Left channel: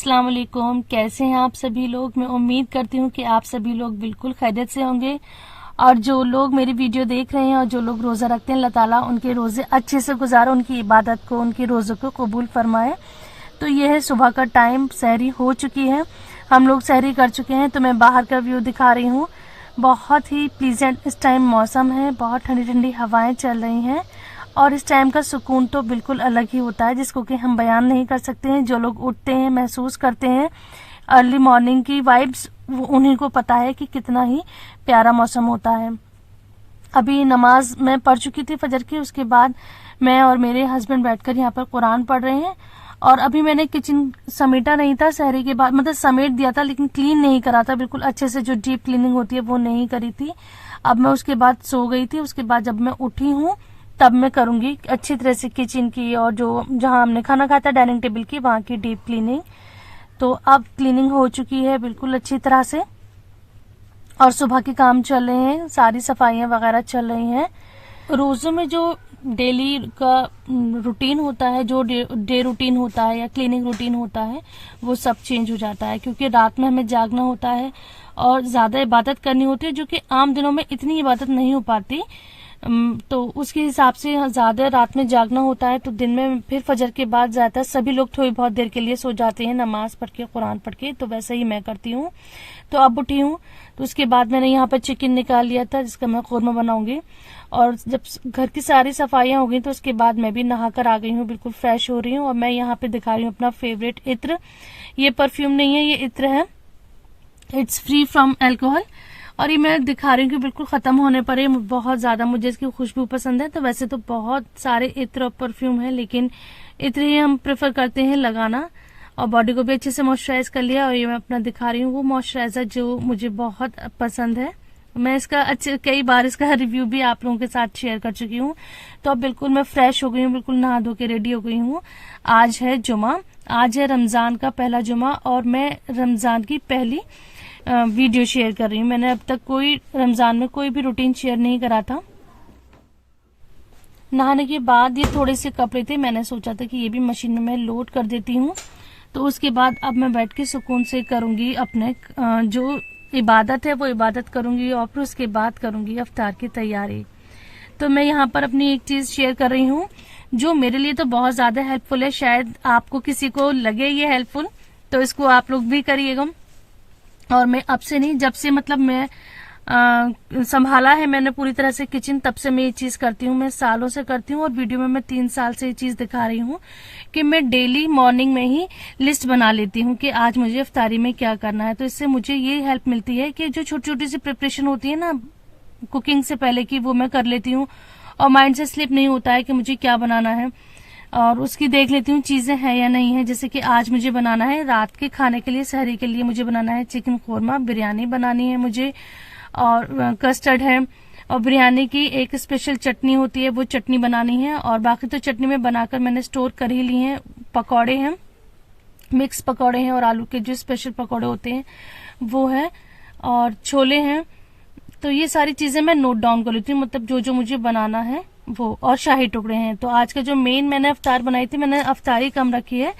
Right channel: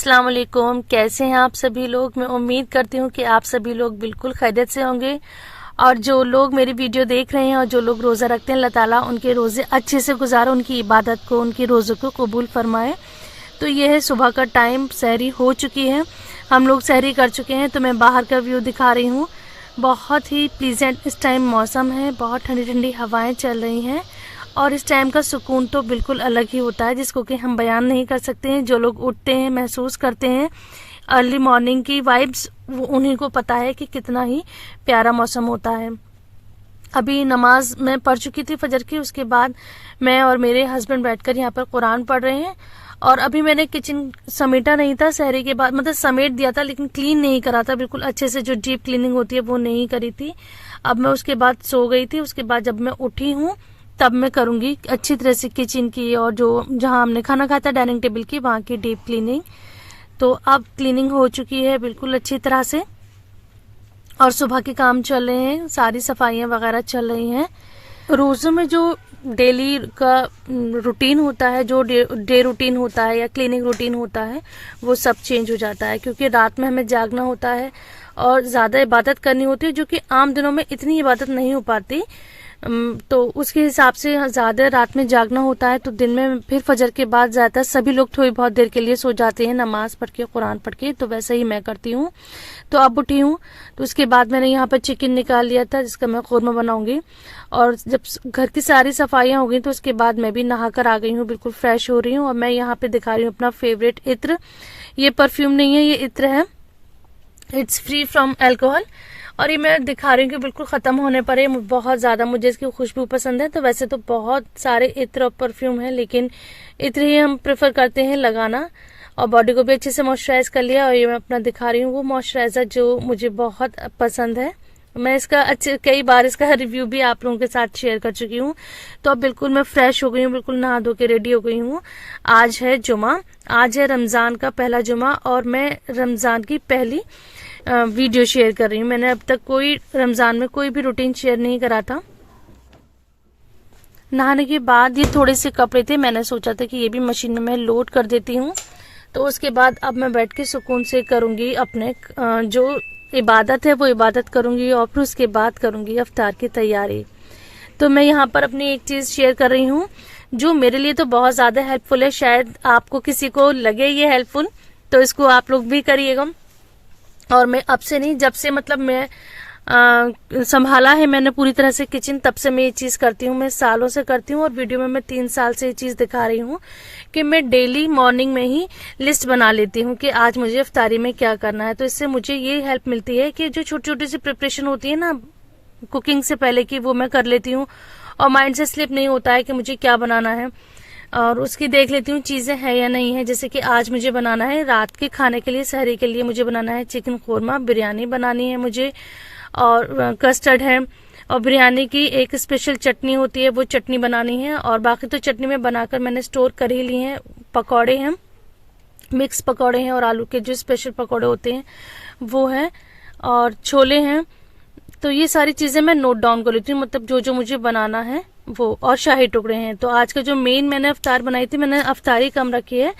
अस्सलाम वालेकुम। कैसे हैं आप सभी लोग। मैं उम्मीद करती हूँ कि आप सभी लोग बिल्कुल खैरियत से होंगे और जो लोग मेरी वीडियो देख रहे हैं और जो लोग रोज़ा रखते हैं अल्लाह ताला उनके रोज़े अच्छे से गुजारे, उनकी इबादत को, उनकी रोज़ों को कबूल फरमाए। तो ये है सुबह का टाइम, सहरी हो चुकी है, हम लोग सहरी कर चुके हैं। तो मैं बाहर का व्यू दिखा रही हूँ। बहुत ही प्लीजेंट इस टाइम मौसम है, बहुत ठंडी ठंडी हवाएं चल रही हैं और इस टाइम का सुकून तो बिल्कुल अलग ही होता है जिसको कि हम बयान नहीं कर सकते हैं। जो लोग उठते हैं, महसूस करते हैं अर्ली मॉर्निंग की वाइब्स, वो उन्हीं को पता है कि कितना ही प्यारा मौसम होता है। अभी नमाज मैं पढ़ चुकी थी फजर की, उसके बाद मैं और मेरे हस्बैंड बैठकर यहाँ पर कुरान पढ़ रहे हैं। और अभी मैंने किचन समेटा नहीं था सहरी के बाद, मतलब समेट दिया था लेकिन क्लीन नहीं करा था बिल्कुल अच्छे से, जो डीप क्लीनिंग होती है वो नहीं करी थी। अब मैं उसके बाद सो गई थी, उसके बाद जब मैं उठी हूँ तब मैं करूंगी अच्छी तरह से किचन की और जो जहां हमने खाना खाया था डाइनिंग टेबल की, वहां की डीप क्लीनिंग। तो अब क्लीनिंग हो चुकी है बिल्कुल अच्छी तरह से और सुबह के काम चल रहे हैं, सारी सफाइयां वगैरह चल रही हैं। रोजों में जो डेली का रूटीन होता है, जो डे रूटीन होता है या क्लीनिंग रूटीन होता है, वो सब चेंज हो जाता है क्योंकि रात में हमें जागना होता है और ज्यादा इबादत करनी होती है, जो कि आम दिनों में इतनी इबादत नहीं हो पाती। तो उसके हिसाब से ज्यादा रात में जागना होता है। तो दिन में फिर फजर के बाद ज्यादातर सभी लोग थोड़ी बहुत देर के लिए सो जाते हैं नमाज पढ़ के, कुरान पढ़ के। तो वैसे ही मैं करती हूँ। तो अब उठी हूँ तो उसके बाद मैंने यहाँ पर चिकन निकाल लिया था जिसका मैं कौरमा बनाऊंगी। और जब घर की सारी सफाइयां हो गई तो उसके बाद मैं भी नहा कर आ गई हूँ, बिल्कुल फ्रेश हो रही हूँ। और मैं यहाँ पे दिखा रही हूँ अपना फेवरेट इत्र। ये परफ्यूम नहीं है, ये इत्र है, इट्स फ्री फ्रॉम अल्कोहल। और ये मैं दिखा रही हूँ कि बिल्कुल खत्म होने पर है, बहुत ज्यादा मुझे इसकी खुशबू पसंद है। तो वैसे तो बहुत सारे इत्र और परफ्यूम है लेकिन इत्र ही हम प्रेफर करते हैं लगाना। और बॉडी को भी अच्छे से मॉइस्चराइज कर लिया। और ये मैं अपना दिखा रही हूँ वो मॉइस्चराइजर जो मुझे बहुत पसंद है। मैं इसका कई बार इसका रिव्यू भी आप लोगों के साथ शेयर कर चुकी हूँ। तो अब बिल्कुल मैं फ्रेश हो गई हूँ, बिल्कुल नहा धो के रेडी हो गई हूँ। आज है जुमा, आज है रमजान का पहला जुमा और मैं रमजान की पहली वीडियो शेयर कर रही हूँ। मैंने अब तक कोई रमजान में कोई भी रूटीन शेयर नहीं करा था। नहाने के बाद ये थोड़े से कपड़े थे, मैंने सोचा था कि ये भी मशीन में मैं लोड कर देती हूँ। तो उसके बाद अब मैं बैठ के सुकून से करूंगी अपने जो इबादत है वो इबादत करूंगी और फिर उसके बाद करूंगी अफ्तार की तैयारी। तो मैं यहाँ पर अपनी एक चीज शेयर कर रही हूँ जो मेरे लिए तो बहुत ज्यादा हेल्पफुल है, शायद आपको किसी को लगे ये हेल्पफुल, तो इसको आप लोग भी करिएगा। और मैं अब से नहीं, जब से मतलब मैं संभाला है मैंने पूरी तरह से किचन, तब से मैं ये चीज करती हूँ, मैं सालों से करती हूँ। और वीडियो में मैं 3 साल से ये चीज दिखा रही हूँ कि मैं डेली मॉर्निंग में ही लिस्ट बना लेती हूँ कि आज मुझे इफ्तारी में क्या करना है। तो इससे मुझे ये हेल्प मिलती है कि जो छोटी छोटी सी प्रिपरेशन होती है ना कुकिंग से पहले की, वो मैं कर लेती हूँ और माइंड से स्लिप नहीं होता है कि मुझे क्या बनाना है। और उसकी देख लेती हूँ चीजें हैं या नहीं है। जैसे कि आज मुझे बनाना है रात के खाने के लिए, सहरी के लिए मुझे बनाना है चिकन कौरमा, बिरयानी बनानी है मुझे, और कस्टर्ड है, और बिरयानी की एक स्पेशल चटनी होती है वो चटनी बनानी है। और बाकी तो चटनी में बनाकर मैंने स्टोर कर ही ली है। पकौड़े हैं, मिक्स पकौड़े हैं और आलू के जो स्पेशल पकौड़े होते हैं वो है, और छोले हैं। तो ये सारी चीजें मैं नोट डाउन कर लेती हूँ, मतलब जो जो मुझे बनाना है वो। और शाही टुकड़े हैं, तो आज का जो मेन मैंने अफ्तार बनाई थी, मैंने अफ्तारी कम रखी है,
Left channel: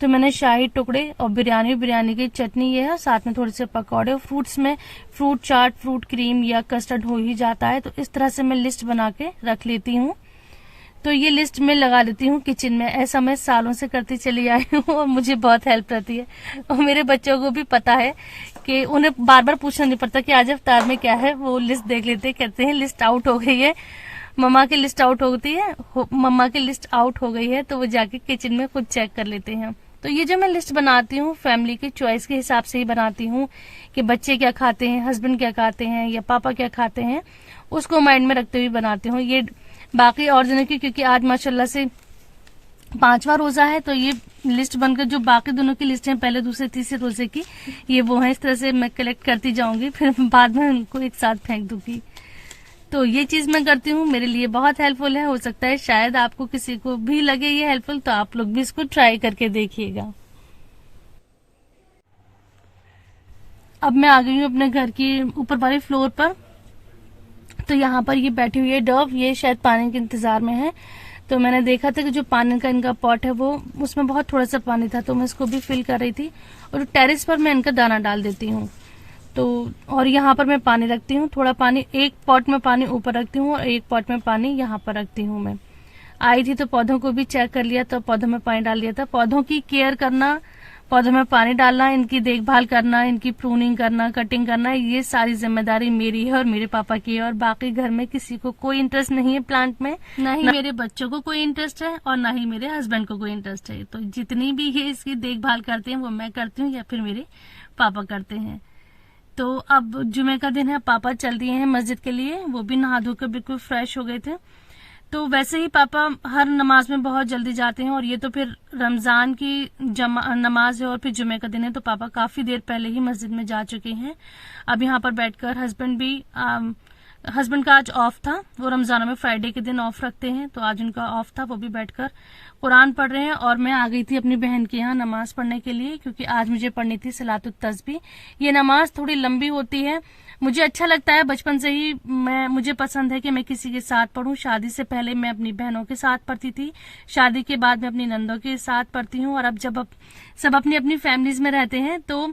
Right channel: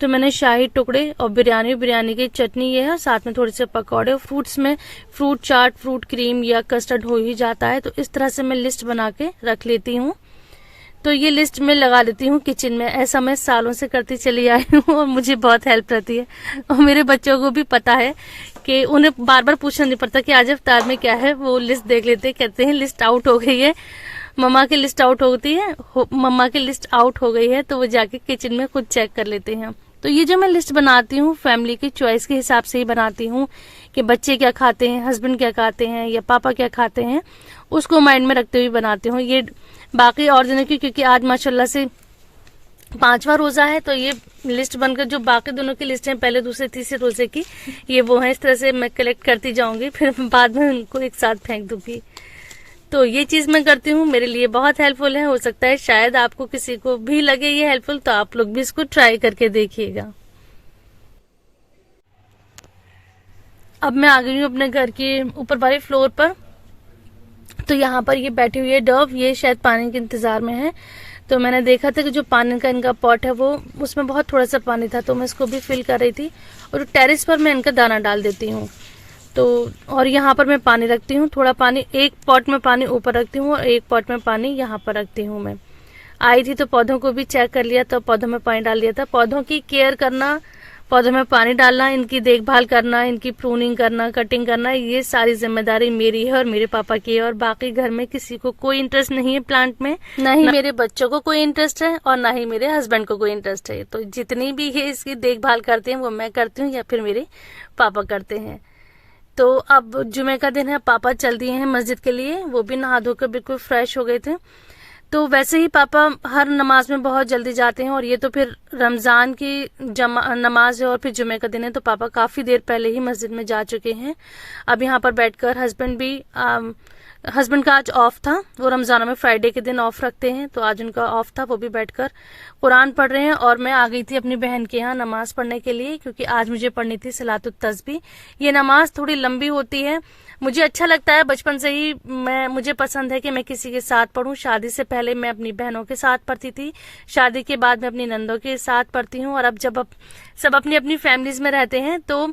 तो मैंने शाही टुकड़े और बिरयानी की चटनी ये है, और साथ में थोड़े से पकौड़े। फ्रूट्स में फ्रूट चाट, फ्रूट क्रीम या कस्टर्ड हो ही जाता है। तो इस तरह से मैं लिस्ट बना के रख लेती हूँ। तो ये लिस्ट में लगा लेती हूँ किचन में, ऐसा मैं सालों से करती चली आई हूँ और मुझे बहुत हेल्प रहती है। और मेरे बच्चों को भी पता है कि उन्हें बार बार पूछना नहीं पड़ता कि आज अफ्तार में क्या है, वो लिस्ट देख लेते, कहते हैं लिस्ट आउट हो गई है, मम्मा की लिस्ट आउट होती है, मम्मा की लिस्ट आउट हो गई है, तो वो जाके किचन में खुद चेक कर लेते हैं। तो ये जो मैं लिस्ट बनाती हूँ फैमिली की चॉइस के हिसाब से ही बनाती हूँ कि बच्चे क्या खाते हैं, हस्बैंड क्या खाते हैं या पापा क्या खाते हैं, उसको माइंड में रखते हुए बनाती हूँ। ये बाकी और दिनों की, क्योंकि आज माशाल्लाह से 5वां रोजा है, तो ये लिस्ट बनकर जो बाकी दोनों की लिस्ट है पहले दूसरे तीसरे रोजे की, ये वो है। इस तरह से मैं कलेक्ट करती जाऊंगी, फिर बाद में उनको एक साथ फेंक दूंगी। तो ये चीज मैं करती हूँ, मेरे लिए बहुत हेल्पफुल है। हो सकता है शायद आपको किसी को भी लगे ये हेल्पफुल, तो आप लोग भी इसको ट्राई करके देखिएगा। अब मैं आ गई हूँ अपने घर की ऊपर वाले फ्लोर पर। तो यहाँ पर ये बैठी हुई है डव, ये शायद पानी के इंतजार में है। तो मैंने देखा था कि जो पानी का इनका पॉट है वो उसमें बहुत थोड़ा सा पानी था, तो मैं इसको भी फिल कर रही थी। और टेरेस पर मैं इनका दाना डाल देती हूँ। तो और यहाँ पर मैं पानी रखती हूँ, थोड़ा पानी, एक पॉट में पानी ऊपर रखती हूँ और एक पॉट में पानी यहाँ पर रखती हूँ। मैं आई थी तो पौधों को भी चेक कर लिया, तो पौधों में पानी डाल दिया था। पौधों की केयर करना, पौधों में पानी डालना, इनकी देखभाल करना, इनकी प्रूनिंग करना, कटिंग करना, ये सारी जिम्मेदारी मेरी है और मेरे पापा की है। और बाकी घर में किसी को कोई इंटरेस्ट नहीं है प्लांट में, ना ही मेरे बच्चों को कोई इंटरेस्ट है और ना ही मेरे हस्बैंड को कोई इंटरेस्ट है। तो जितनी भी है इसकी देखभाल करते हैं वो मैं करती हूँ या फिर मेरे पापा करते हैं। तो अब जुमे का दिन है, पापा चल दिए हैं मस्जिद के लिए, वो भी नहा धोकर बिल्कुल फ्रेश हो गए थे। तो वैसे ही पापा हर नमाज में बहुत जल्दी जाते हैं और ये तो फिर रमजान की नमाज है और फिर जुमे का दिन है, तो पापा काफी देर पहले ही मस्जिद में जा चुके हैं। अब यहाँ पर बैठकर हस्बैंड का आज ऑफ था, वो रमजानों में फ्राइडे के दिन ऑफ रखते हैं, तो आज उनका ऑफ था, वो भी बैठकर कुरान पढ़ रहे हैं। और मैं आ गई थी अपनी बहन के यहाँ नमाज पढ़ने के लिए, क्योंकि आज मुझे पढ़नी थी सलातुत तस्बीह। ये नमाज थोड़ी लंबी होती है, मुझे अच्छा लगता है, बचपन से ही मुझे पसंद है कि मैं किसी के साथ पढूं। शादी से पहले मैं अपनी बहनों के साथ पढ़ती थी, शादी के बाद मैं अपनी नंदों के साथ पढ़ती हूँ। और अब जब सब अपनी अपनी फैमिलीज में रहते हैं, तो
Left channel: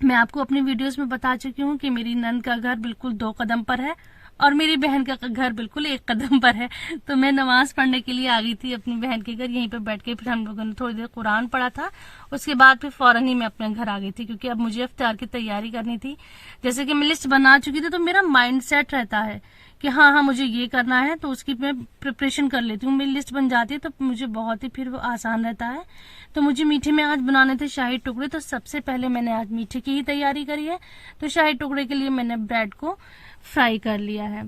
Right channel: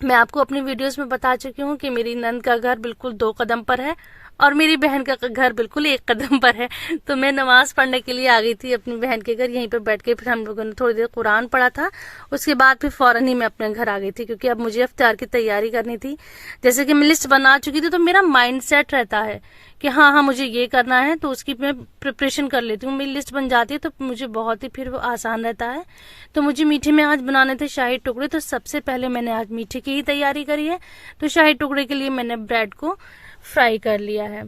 मैं आपको अपनी वीडियोस में बता चुकी हूँ कि मेरी नंद का घर बिल्कुल 2 कदम पर है और मेरी बहन का घर बिल्कुल 1 कदम पर है। तो मैं नमाज पढ़ने के लिए आ गई थी अपनी बहन के घर, यहीं पे बैठ के फिर हम लोगों ने थोड़ी देर कुरान पढ़ा था। उसके बाद फिर फौरन ही मैं अपने घर आ गई थी, क्योंकि अब मुझे इफ्तार की तैयारी करनी थी। जैसे कि मैं लिस्ट बना चुकी थी, तो मेरा माइंड सेट रहता है कि हाँ मुझे ये करना है, तो उसकी मैं प्रिपरेशन कर लेती हूँ। मेरी लिस्ट बन जाती है तो मुझे बहुत ही फिर वो आसान रहता है। तो मुझे मीठे में आज बनाने थे शाही टुकड़े, तो सबसे पहले मैंने आज मीठे की ही तैयारी करी है। तो शाही टुकड़े के लिए मैंने ब्रेड को फ्राई कर लिया है।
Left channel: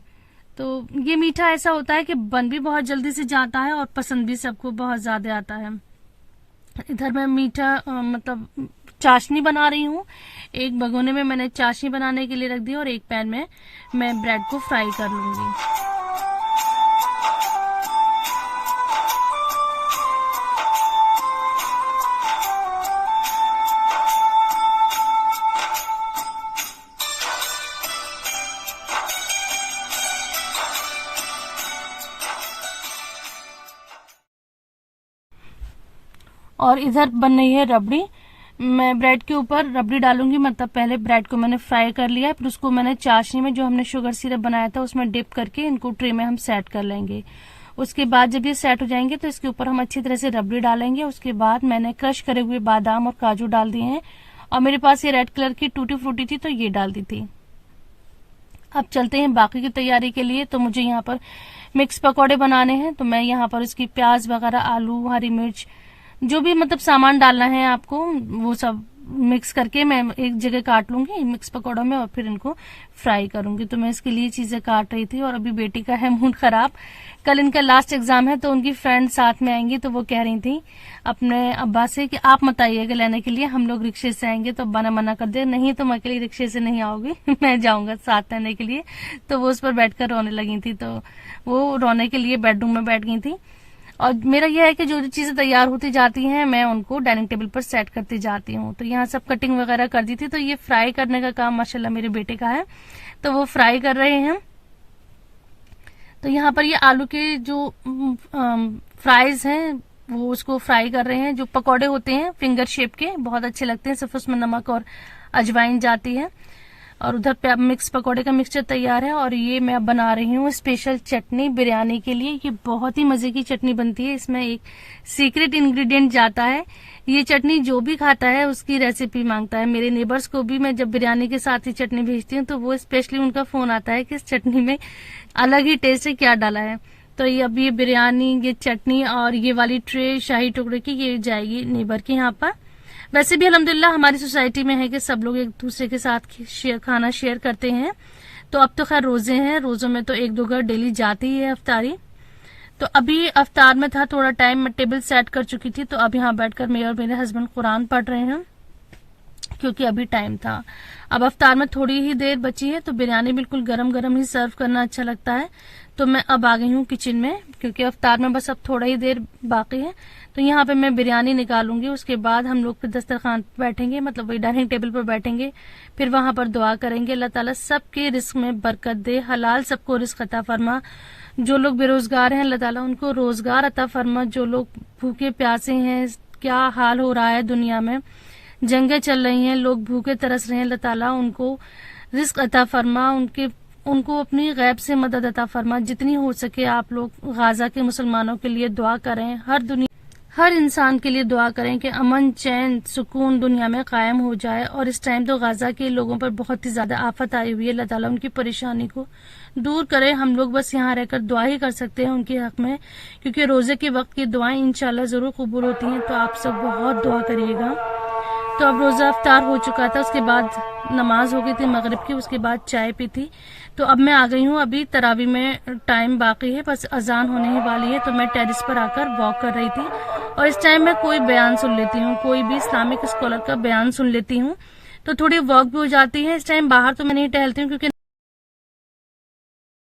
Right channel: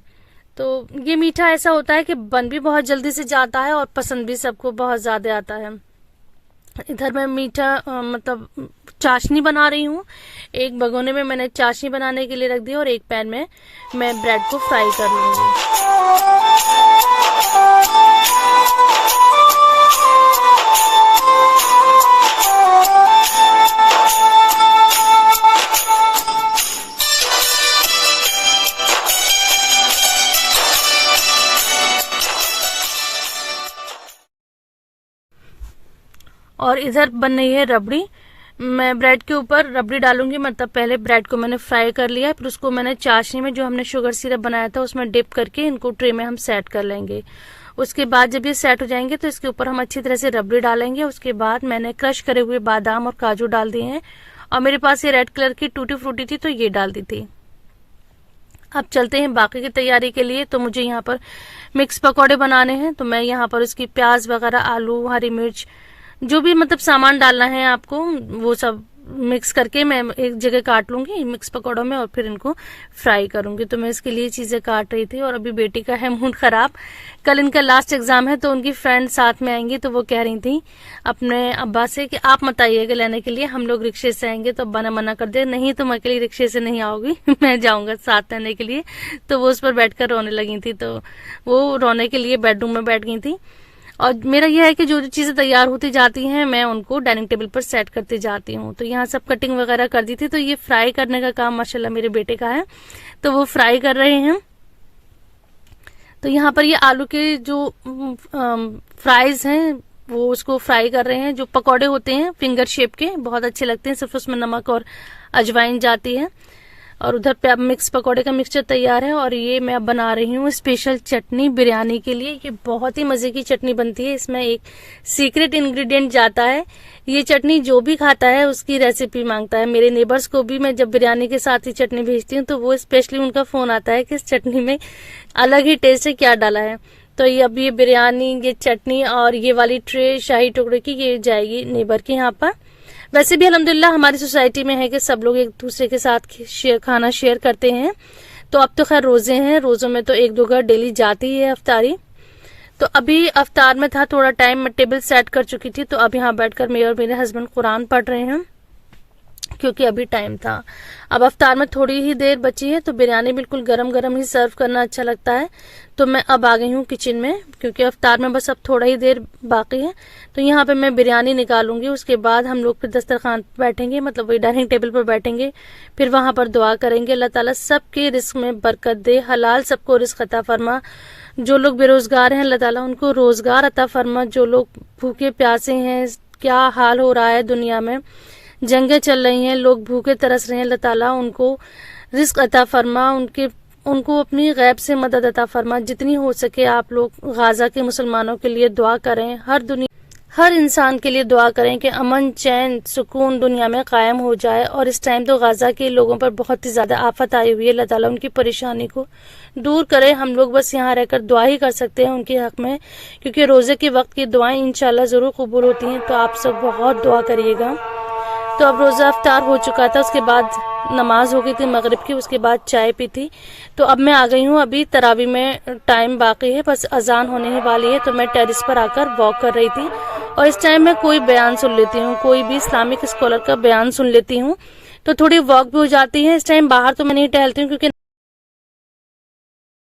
तो ये मीठा ऐसा होता है कि बन भी बहुत जल्दी से जाता है और पसंद भी सबको बहुत ज्यादा आता है। इधर मैं मीठा मतलब चाशनी बना रही हूँ। एक भगोने में मैंने चाशनी बनाने के लिए रख दी और एक पैन में मैं ब्रेड को फ्राई कर लूंगी। और इधर बन रही है रबड़ी। मैं ब्रेड के ऊपर रबड़ी डालूंगी, मतलब पहले ब्रेड को मैंने फ्राई कर लिया, फिर उसको मैंने चाशनी में जो हमने शुगर सिरप बनाया था उसमें डिप करके इनको ट्रे में हम सेट कर लेंगे। उसके बाद जब ये सेट हो जाएंगे तो इसके ऊपर हम अच्छी तरह से रबड़ी डालेंगे। उसके बाद मैंने क्रश करे हुए बादाम और काजू डाल दिए हैं, और मेरे पास ये रेड कलर की टूटी फ्रूटी थी तो ये डाल दी थी। अब चलते हैं बाकी की तैयारी के लिए। तो मुझे यहाँ पर मिक्स पकौड़े बनाने हैं, तो मैं यहाँ पर उसकी प्याज वगैरह, आलू, हरी मिर्च, जो भी मतलब सामान डालना है आपको वो सब मिक्स करके मैं एक जगह काट लूंगी मिक्स पकौड़ों में और फिर इनको फ्राई करूंगी। तो मैं इसके लिए चीजें काट रही थी। और अभी बेटी का है मूड खराब, कल इनका लास्ट एग्जाम है, तो उनकी फ्रेंड साथ में आएंगी, तो वो कह रही थी अपने अब्बा से कि आप मत आइएगा लेने के लिए, हम लोग रिक्शे से आएंगे। तो अब्बा ने मना कर दिया, नहीं तुम अकेली रिक्शे से नहीं आओगी मैं जाऊंगा साथ लेने के लिए। तो वो उस पर बैठकर रोने लगी थी, तो वो रोने के लिए बेडरूम में बैठ गई थी। और मेरा यह है कि जो जो चीजें तैयार होती जाती हैं मैं उनको डाइनिंग टेबल पर सेट करती जाती हूँ। तो यहाँ सब कटिंग वगैरह कर दी थी, तो ये फ्राई करने का काम माशाल्लाह मेरे बेटे का है, तो वो फ्राई कर रहे हैं। तो यहाँ पर ये आलू के जो फ्राइज हैं वो उसको फ्राई कर रहे हैं। जो पकौड़े होते हैं फिंगर शेप के बहुत अच्छे लगते हैं, सिर्फ उसमें नमक और अजवाइन जाती है। और उधर पे अब मिक्स पकौड़े का मिक्सचर तैयार है। और ये मैं अब बना रही हूँ स्पेशल चटनी बिरयानी के लिए। ये बहुत ही मजे की चटनी बनती है, इसमें एक सीक्रेट इंग्रेडिएंट जाता है। ये चटनी जो भी खाता है उसकी रेसिपी मांगता है। मेरे नेबर्स को भी मैं जब बिरयानी के साथ ही चटनी भेजती हूँ तो वो स्पेशली उनका फोन आता है कि इस चटनी में अलग ही टेस्ट है, क्या डाला है। तो ये अब ये बिरयानी, ये चटनी और ये वाली ट्रे शाही टुकड़े की ये जाएगी नेबर के यहाँ पर। वैसे भी अल्हम्दुलिल्लाह हमारी सोसाइटी में है कि सब लोग एक दूसरे के साथ खाना शेयर करते हैं। तो अब तो खैर रोजे हैं, रोजों में तो 1-2 घर डेली जाती है अफ्तारी। तो अभी अफ्तार में था थोड़ा टाइम, मैं टेबल सेट कर चुकी थी, तो अब यहाँ बैठकर मैं और मेरे हस्बैंड कुरान पढ़ रहे हैं क्योंकि अभी टाइम था। अब अफ्तार में थोड़ी ही देर बची है, तो बिरयानी बिल्कुल गरम गरम ही सर्व करना अच्छा लगता है। तो मैं अब आ गई हूँ किचन में, क्योंकि अफ्तार में बस अब थोड़ा ही देर बाकी है। तो यहाँ पे मैं बिरयानी निकालूंगी, उसके बाद हम लोग फिर दस्तरखान पर बैठेंगे, मतलब वही डाइनिंग टेबल पर बैठेंगे, फिर वहां पर दुआ करेंगे अल्लाह ताला सबके रिस्क में बरकत दे, हलाल सबको रिस्क अता फरमा, जो लोग बेरोजगार हैं अल्लाह ताला उनको रोजगार अता फरमा। जो लोग भूखे प्यासे हैं, क्या हाल हो रहा है दुनिया में, जंगें चल रही हैं, लोग भूखे तरस रहे हैं, अल्लाह ताला उनको रिस्क अता फरमा, उनको अपनी गैब से मदद अता फरमा। जितनी हो सके आप लोग गाजा के मुसलमानों के लिए दुआ करें, हर इंसान के लिए दुआ करें कि अमन चैन सुकून दुनिया में कायम हो जाए। और इस टाइम तो गाजा के लोगों पर बहुत ही ज्यादा आफत आई हुई है, अल्लाह ताला उनकी परेशानी को दूर करे। हम लोग बस यहाँ रहकर दुआ ही कर सकते हैं उनके हक में, क्योंकि रोजे के वक्त की दुआएं इंशाल्लाह जरूर कबूल होती हैं। तो आप सब बहुत दुआ करिएगा। तो अब रोजा अफ्तार हो चुका था, उसके बाद नमाज हो गई थी मगरिब की, उसके बाद चाय पी थी। तो अब मैं आ गई हूँ, अभी तरावी में टाइम बाकी है, बस अजान होने ही वाली है। तो मैं टेरिस पर आकर वॉक कर रही थी और इस टाइम मैं कोई बयान सुन लेती हूँ, कोई भी इस्लामिक स्कॉलर का बयान सुन लेती हूँ, तो थोड़ी वॉक भी हो जाती है। इस टाइम बाहर तो मैं नहीं टहलती हूँ क्योंकि